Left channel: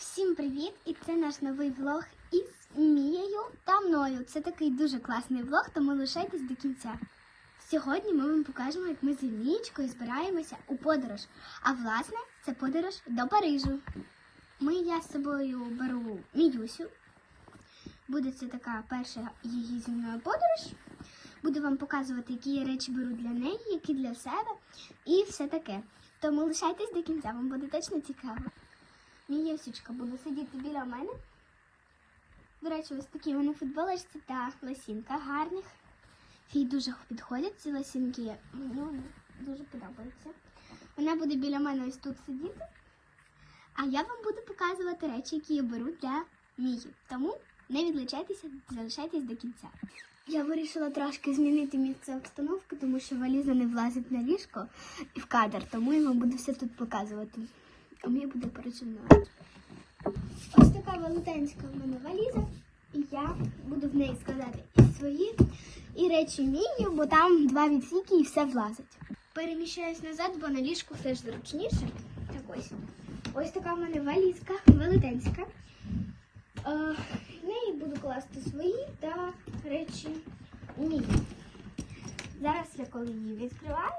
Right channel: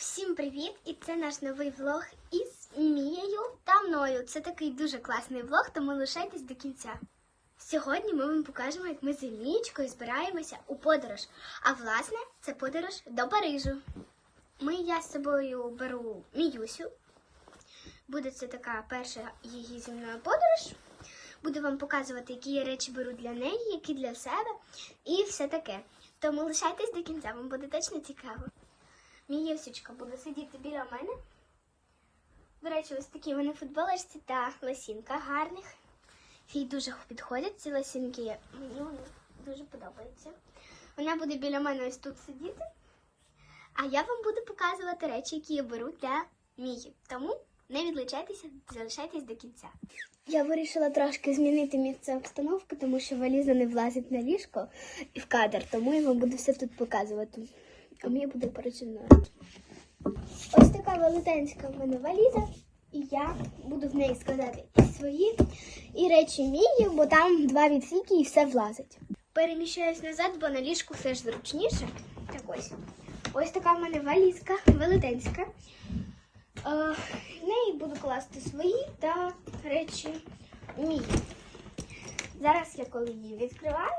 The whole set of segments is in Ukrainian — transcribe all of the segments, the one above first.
Всім привіт! І це наш новий влог із Мією та мною. Це такий дуже класний влог, тому лишайтесь до кінця. Сьогодні ми вам покажемо, як ми з Мієчкою збираємося у подорож. А власне, це подорож до Парижу. Ми я з собою беру Міюсю. Буде це така перша її зі мною подорож. Буду вам показувати, які я речі беру для неї, які для себе і все таке. Тому лишайтесь до кінця, вам буде точно цікаво. Мієвсічка буде сидіти біля мене. До речі, ось такі вони футболочці та лосінка гарних. Їй дуже підходять ці лосінки. Мені вони дуже подобаються. Вона буде біля мене ось тут сидіти. А я вам буду показувати речі, які я беру для Мії. Тому не відлучайтеся, залишайтесь до кінця. Я вирішила трошки змінити місце обстановки, тому що валіза не влазить на ліжко і в кадр, тому я вам буду все тут показувати. А мені буде поручено. Ось така велетенська в мене валіза, і я буду в неї складати і свої, і речі мії, бо там два відсіки і все влазить. Переміщаюсь назад, бо на ліжку все ж зручніше. Так ось. Ось така в мене валізка, велетенська. Е, в неї буду класти свої та речі мії. Зараз я коли її відкриваю,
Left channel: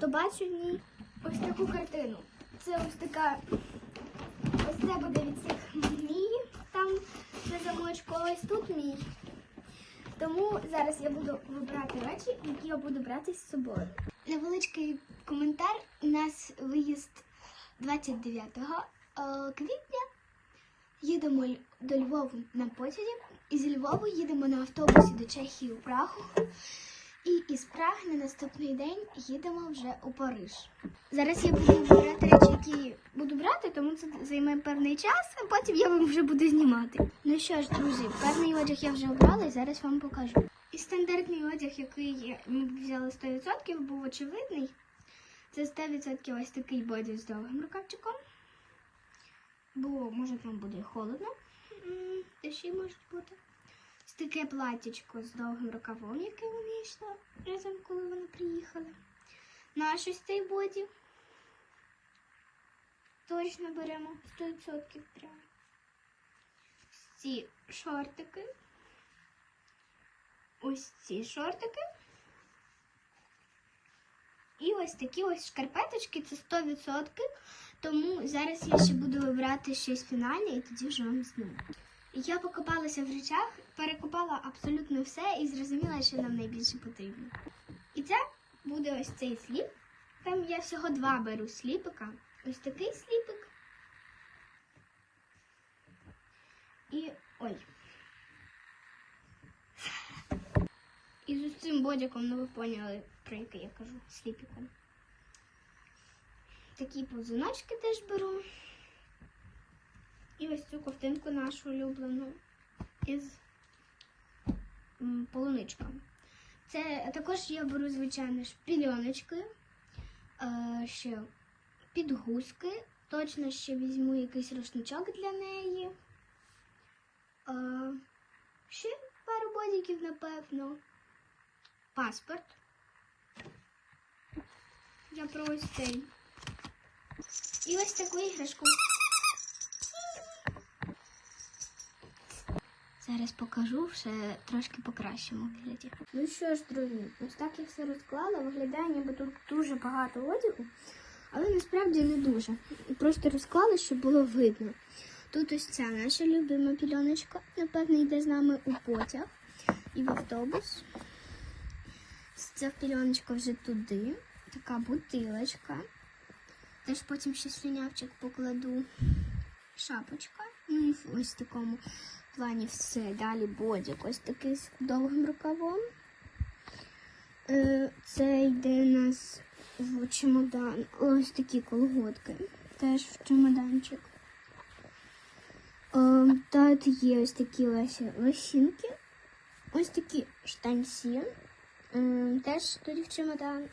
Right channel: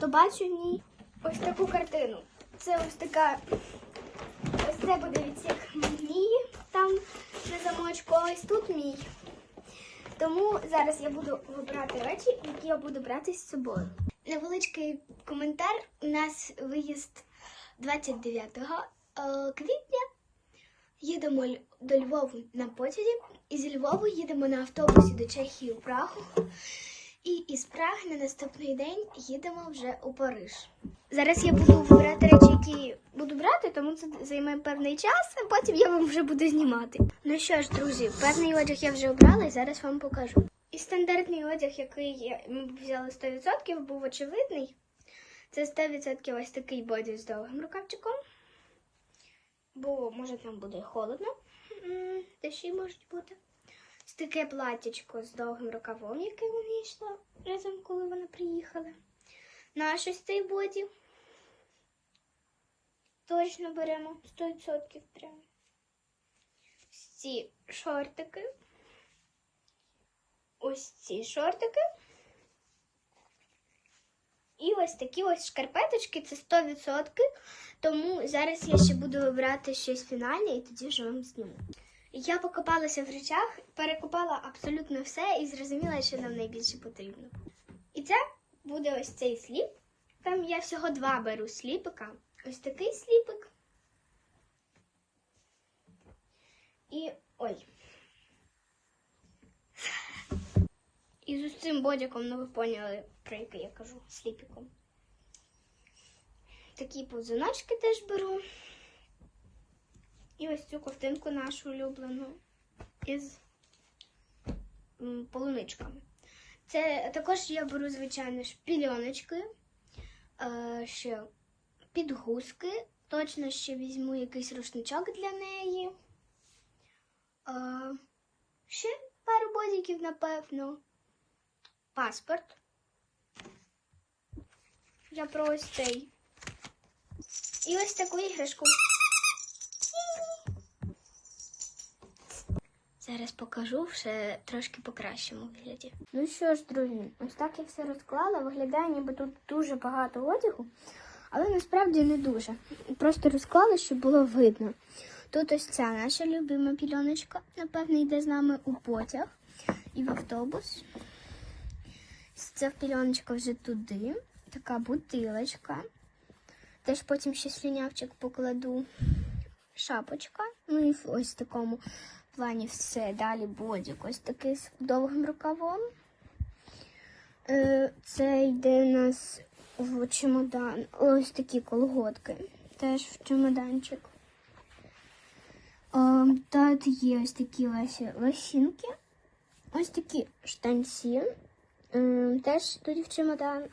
то бачу в ній ось таку картину. Це ось така, ось це буде відсік мії там на замочку, а ось тут мій. Тому зараз я буду вибирати речі, які я буду брати з собою. Невеличкий коментар. У нас виїзд 29 е, квітня. Їдемо до Львову на потязі, і зі Львову їдемо на автобусі до Чехії у Прагу. І із Праги на наступний день їдемо вже у Париж. Зараз я буду вибирати речі, які буду брати, тому це займе певний час, а потім я вам вже буду знімати. Ну що ж, друзі, певний одяг я вже обрала і зараз вам покажу. І стандартний одяг, який ми взяли 100%, був очевидний. Це 100% ось такий боді з довгим рукавчиком. Бо може там буде холодно, м, дощі можуть бути. Ось таке платтячко з довгим рукавом, яке мені йшло разом, коли вони приїхали. Наш ось цей боді. Точно беремо 100% прямо. Ось ці шортики. Ось ці шортики. І ось такі ось шкарпеточки, це 100%. Тому зараз я ще буду вибирати щось фінальне і тоді вже вам зніму. Я покопалася в речах, перекопала абсолютно все і зрозуміла, що нам найбільше потрібно. І це буде ось цей сліп. Там я всього два беру сліпика. Ось такий сліпик. І ой. І з цим бодіком, ну ви поняли, про який я кажу, сліпіком. Такі повзуночки теж беру. І ось цю ковтинку нашу улюблену із полуничками. Це також я беру, звичайно, шпільоночки, е, ще підгузки. Точно ще візьму якийсь рушничок для неї. Е, ще пару бодіків, напевно. Паспорт. Я про ось цей. І ось таку іграшку. Зараз покажу все трошки по кращому вигляді. Ну що ж, друзі, ось так я все розклала. Виглядає, ніби тут дуже багато одягу, але насправді не дуже. Просто розклала, щоб було видно. Тут ось ця наша любима пільоночка, напевно, йде з нами у потяг і в автобус. Ця пільоночка вже туди. Така бутилочка. Теж потім ще слюнявчик покладу. Шапочка. Ну і ось такому плані все. Далі бодік. Ось такий з довгим рукавом. Е, Це йде у нас в чемодан. Ось такі колготки. Теж в чемоданчик. Е, Тут є ось такі лосінки. Ось такі штанці. Теж тоді в чемодан.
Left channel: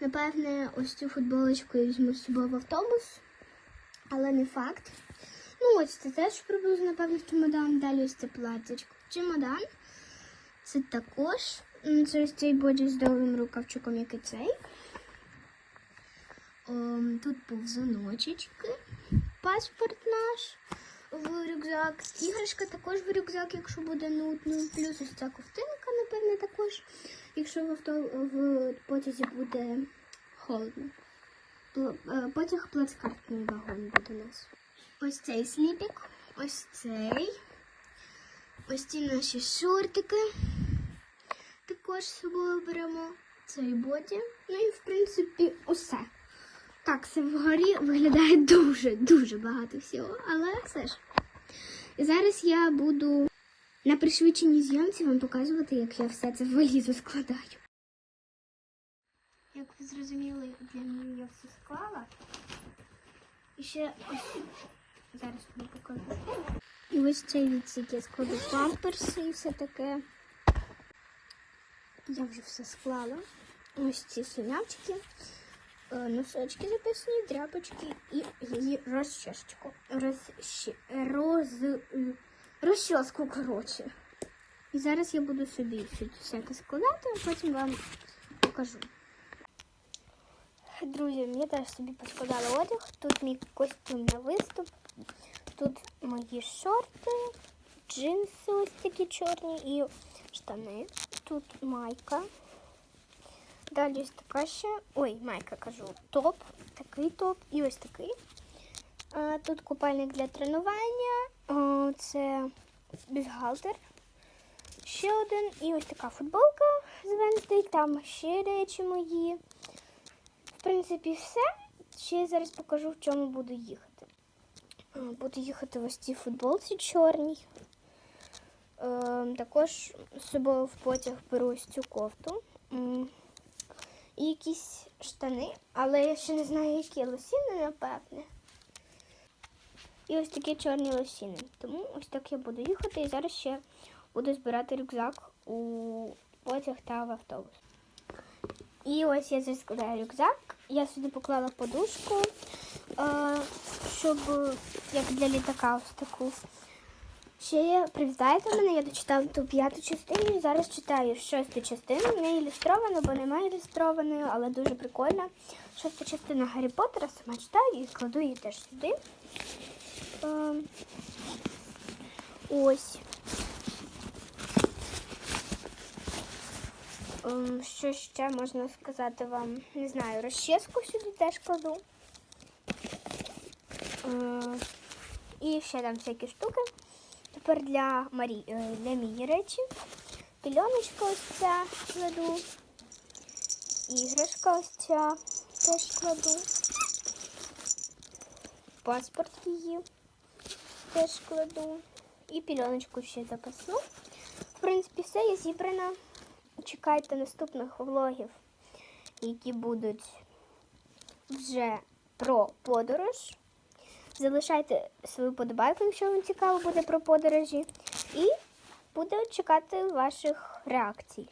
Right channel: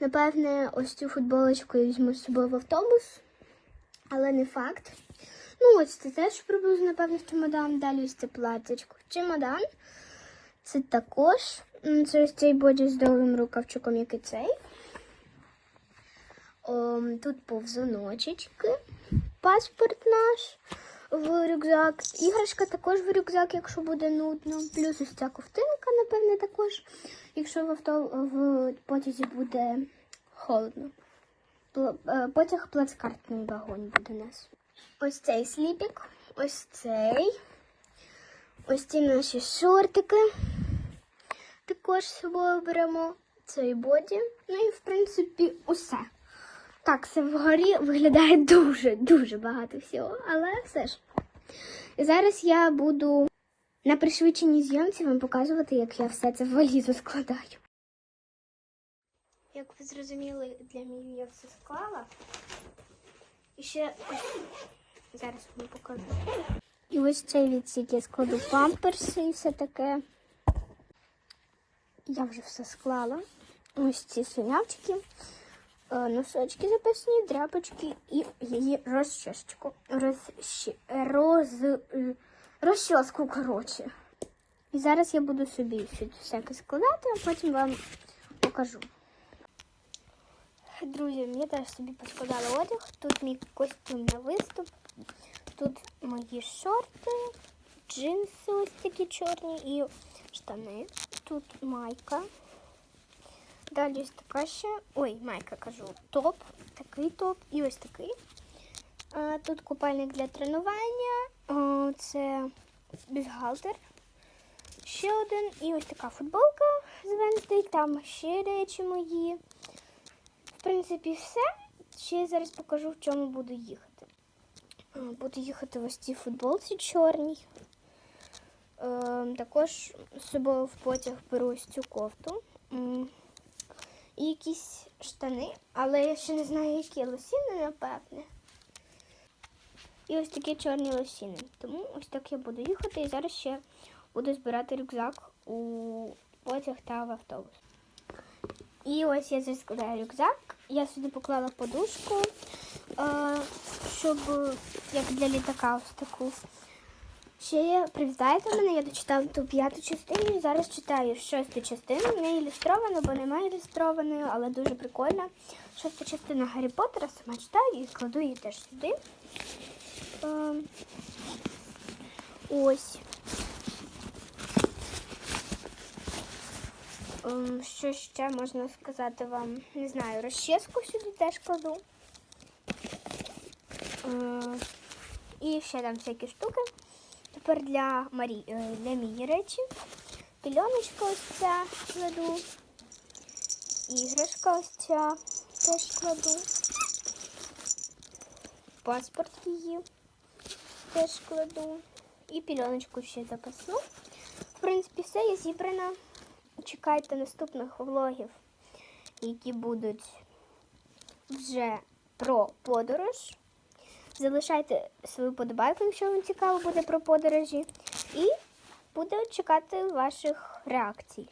Напевне, ось цю футболочку я візьму з собою в автобус, але не факт. Ну, ось це теж приблизно, напевно, в чемодан. Далі ось це платтячко. Чемодан. Це також. Це ось цей боді з довгим рукавчиком, як і цей. Ем, тут повзуночечки, паспорт наш в рюкзак. Іграшка також в рюкзак, якщо буде нудно. Плюс ось ця ковтинка, напевне, також, якщо в, авто, в потязі буде холодно. Е, Потяг плацкартний вагон буде у нас. Ось цей сліпік, ось цей. Ось ці наші шортики. Також з собою беремо цей боді. Ну і в принципі усе. Так, це вгорі виглядає дуже, дуже багато всього, але все ж. І зараз я буду на пришвидшеній зйомці вам показувати, як я все це в валізу складаю. Як ви зрозуміли, для мене я все склала. І ще зараз вам покажу. І ось цей відсік я складу памперси і все таке. Я вже все склала. Ось ці слюнявчики, е, носочки запасні, дряпочки і її розчіску. Розчі... Роз... е, Розчіску, коротше. І зараз я буду собі всяке складати, а потім вам покажу. Друзі, я теж собі поскладала одяг. Тут мій костюм на виступ. Тут мої шорти, джинси ось такі чорні і штани. Тут майка. Далі ось така ще. Ой, майка кажу. Топ. Такий топ і ось такий. Тут купальник для тренування. Це бюстгальтер. Ще один. І ось така футболка з Wednesday. Там ще речі мої. В принципі, все. Ще зараз покажу, в чому буду їхати. Буду їхати в ось цій футболці чорній. Е, також з собою в потяг беру ось цю кофту. І якісь штани, але я ще не знаю, які лосіни, напевне. І ось такі чорні лосіни. Тому ось так я буду їхати і зараз ще буду збирати рюкзак у потяг та в автобус. І ось я зараз складаю рюкзак. Я сюди поклала подушку, щоб як для літака ось таку. Ще привітайте мене, я дочитала ту п'яту частину і зараз читаю шосту частину. Не ілюстровано, бо немає ілюстрованої, але дуже прикольна. Шоста частина Гаррі Поттера, сама читаю і кладу її теж сюди. Ось. Ем, Що ще можна сказати вам? Не знаю, розчіску сюди теж кладу. Е, І ще там всякі штуки. Тепер для Марі, е, для Мії речі. Пільоночка ось ця кладу. Іграшка ось ця теж кладу. Паспорт її теж кладу. І пільоночку ще запасну. В принципі, все, я зібрана. Чекайте наступних влогів, які будуть вже про подорож. Залишайте свою подобайку, якщо вам цікаво буде про подорожі. І буду чекати ваших реакцій.